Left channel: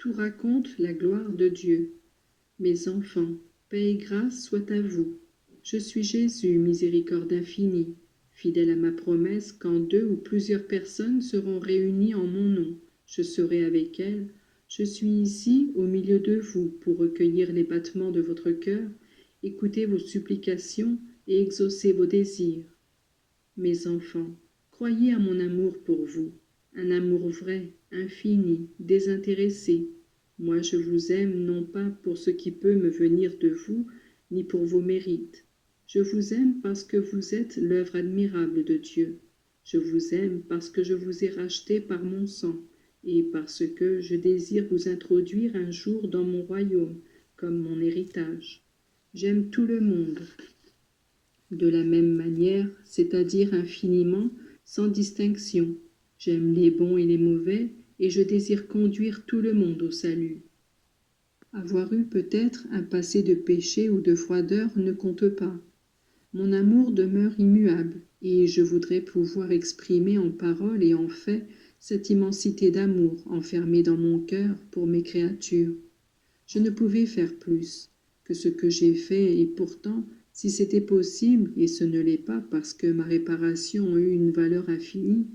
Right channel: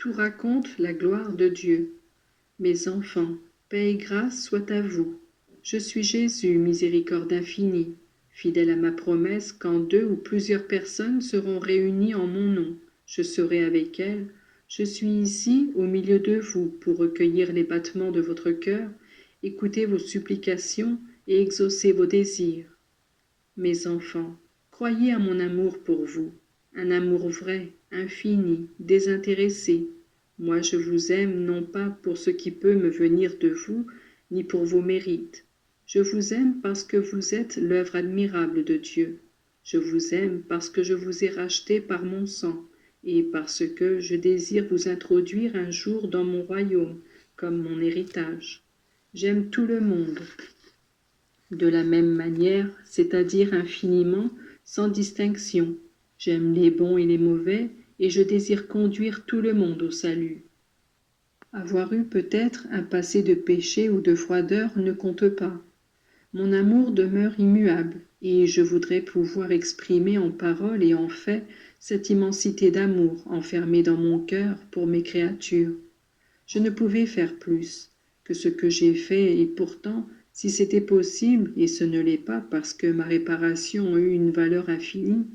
Tout raconte la gloire de Dieu. Mes enfants, paix et grâce soient à vous. Je suis Jésus, miséricorde infinie, fidèle à ma promesse, quand 2 ou plusieurs personnes seront réunies en mon nom, je serai avec elles. Je suis ici, au milieu de vous, pour recueillir les battements de votre cœur, écouter vos supplications et exaucer vos désirs. Mes enfants, croyez à mon amour pour vous, un amour vrai, infini, désintéressé. Moi je vous aime non pas pour ce qui peut me venir de vous, ni pour vos mérites. Je vous aime parce que vous êtes l'œuvre admirable de Dieu. Je vous aime parce que je vous ai racheté par mon sang, et parce que je désire vous introduire un jour dans mon royaume, comme mon héritage. J'aime tout le monde, de la même manière, c'est-à-dire infiniment, sans distinction. J'aime les bons et les mauvais, et je désire conduire tout le monde au salut. Avoir eu peut-être un passé de péché ou de froideur ne compte pas. Mon amour demeure immuable, et je voudrais pouvoir exprimer en paroles et en faits cette immensité d'amour enfermée dans mon cœur pour mes créatures. Je ne pouvais faire plus que ce que j'ai fait, et pourtant, si c'était possible, et ce ne l'est pas parce que ma réparation a eu une valeur infinie,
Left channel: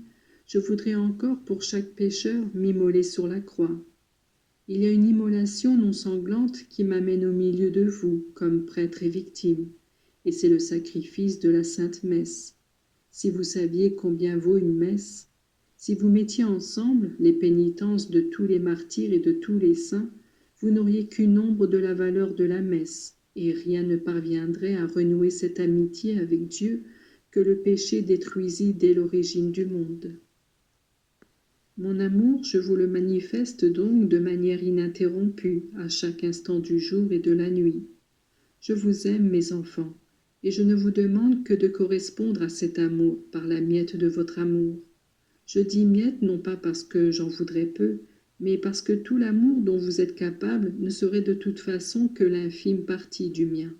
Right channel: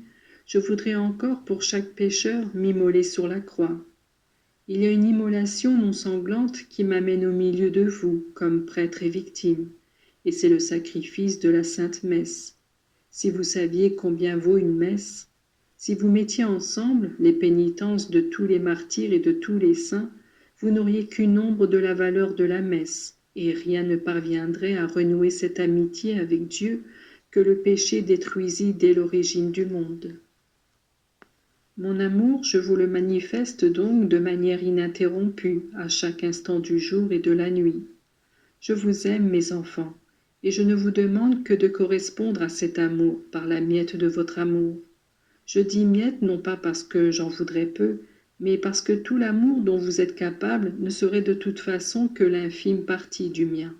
je voudrais encore pour chaque pécheur m'immoler sur la croix. Il y a une immolation non sanglante qui m'amène au milieu de vous, comme prêtre et victime, et c'est le sacrifice de la Sainte Messe. Si vous saviez combien vaut une messe, si vous mettiez ensemble les pénitences de tous les martyrs et de tous les saints, vous n'auriez qu'une ombre de la valeur de la messe, et rien ne parviendrait à renouer cette amitié avec Dieu que le péché détruisit dès l'origine du monde. Mon amour, je vous le manifeste donc de manière ininterrompue, à chaque instant du jour et de la nuit. Je vous aime, mes enfants, et je ne vous demande que de correspondre à cet amour par la miette de votre amour. Je dis miette non pas parce que j'en voudrais peu, mais parce que tout l'amour dont vous êtes capable ne serait de toute façon que l'infime partie du mien.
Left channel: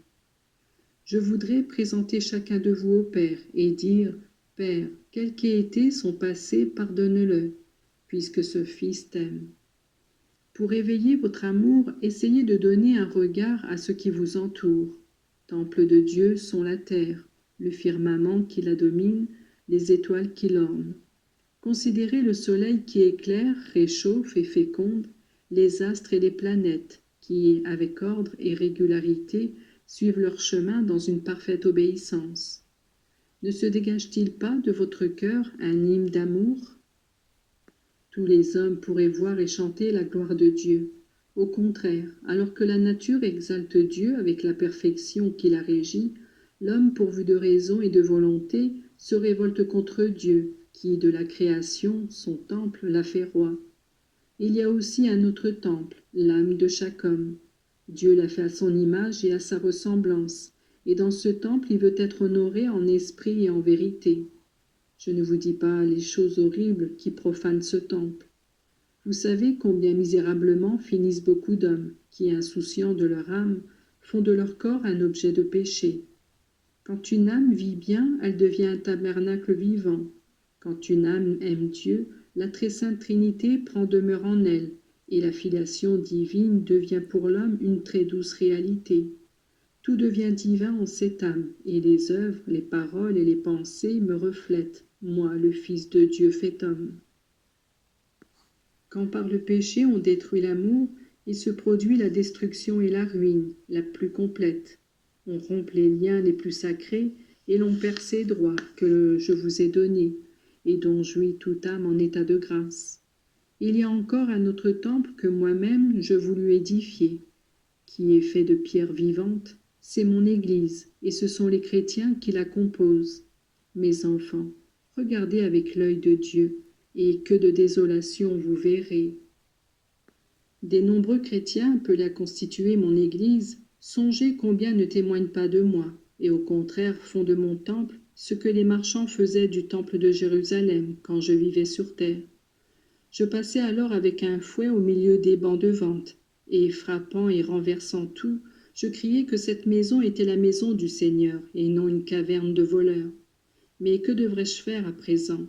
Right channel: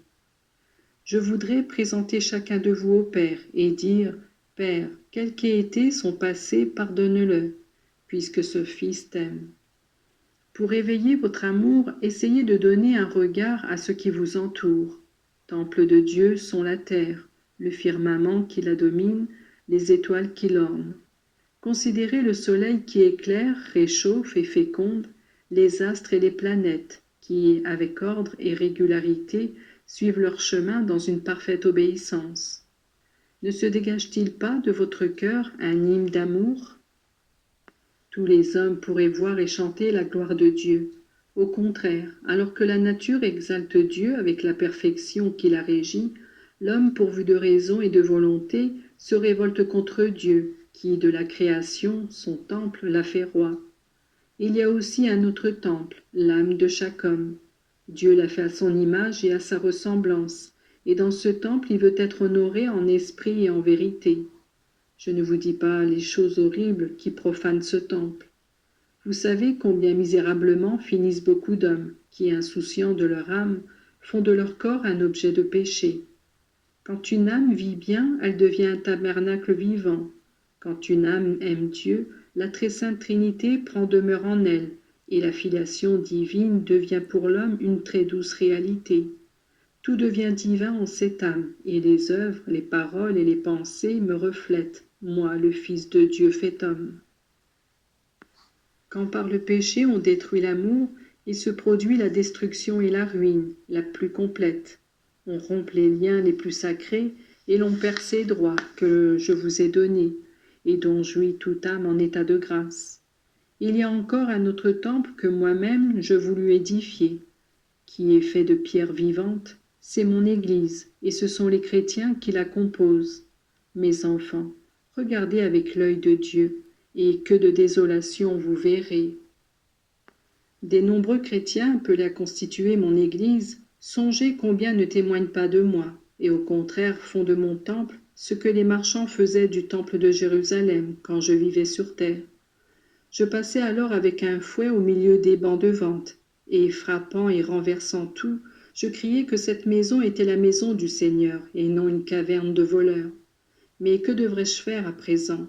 Je voudrais présenter chacun de vous au Père et dire « Père, quel qu'ait été son passé, pardonne-le, puisque ce Fils t'aime. » Pour éveiller votre amour, essayez de donner un regard à ce qui vous entoure. Temple de Dieu sont la terre, le firmament qui la domine, les étoiles qui l'ornent. Considérez le soleil qui éclaire, réchauffe et féconde, les astres et les planètes, qui, avec ordre et régularité, suivent leur chemin dans une parfaite obéissance. Ne se dégage-t-il pas de votre cœur un hymne d'amour? Tous les hommes pourraient voir et chanter la gloire de Dieu. Au contraire, alors que la nature exalte Dieu avec la perfection qui la régit, l'homme pourvu de raison et de volonté se révolte contre Dieu, qui, de la création, son temple, l'a fait roi. Il y a aussi un autre temple, l'âme de chaque homme. Dieu l'a fait à son image et à sa ressemblance, et dans ce temple il veut être honoré en esprit et en vérité. Je ne vous dis pas les choses horribles qui profanent ce temple. Vous savez combien misérablement finissent beaucoup d'hommes qui, insouciants de leur âme, font de leur corps un objet de péché. Quand une âme vit bien, elle devient un tabernacle vivant. Quand une âme aime Dieu, la très sainte Trinité prend demeure en elle, et la filiation divine devient pour l'homme une très douce réalité. Tout devient divin en cette âme, et les œuvres, les paroles et les pensées me reflètent, moi, le Fils de Dieu fait homme. Quand par le péché on détruit l'amour, il se produit la destruction et la ruine, la plus complète. On rompt les liens les plus sacrés, et l'on perd ces droits que je vous ai donnés, et dont jouit toute âme en état de grâce. Il y a encore un autre temple que moi-même je voulus édifier, qui est fait de pierres vivantes, c'est mon Église, et ce sont les chrétiens qui la composent. Mes enfants, regardez avec l'œil de Dieu, et que de désolation vous verrez. Des nombreux chrétiens appelés à constituer mon Église, songez combien ne témoignent pas de moi, et au contraire font de mon temple ce que les marchands faisaient du temple de Jérusalem quand je vivais sur terre. Je passais alors avec un fouet au milieu des bancs de vente, et frappant et renversant tout, je criais que cette maison était la maison du Seigneur, et non une caverne de voleurs. Mais que devrais-je faire à présent?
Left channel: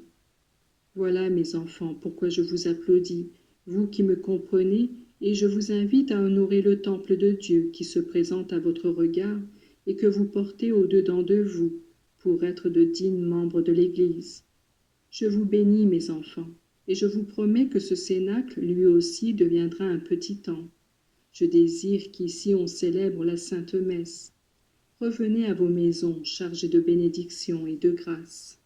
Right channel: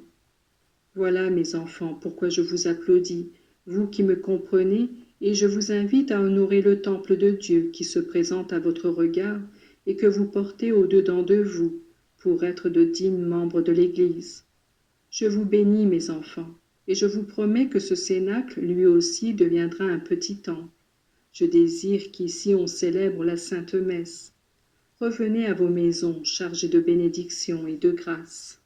Voilà, mes enfants, pourquoi je vous applaudis, vous qui me comprenez et je vous invite à honorer le temple de Dieu qui se présente à votre regard et que vous portez au-dedans de vous pour être de dignes membres de l'Église. Je vous bénis, mes enfants, et je vous promets que ce cénacle, lui aussi, deviendra un petit temple. Je désire qu'ici on célèbre la Sainte Messe. Revenez à vos maisons chargées de bénédictions et de grâce.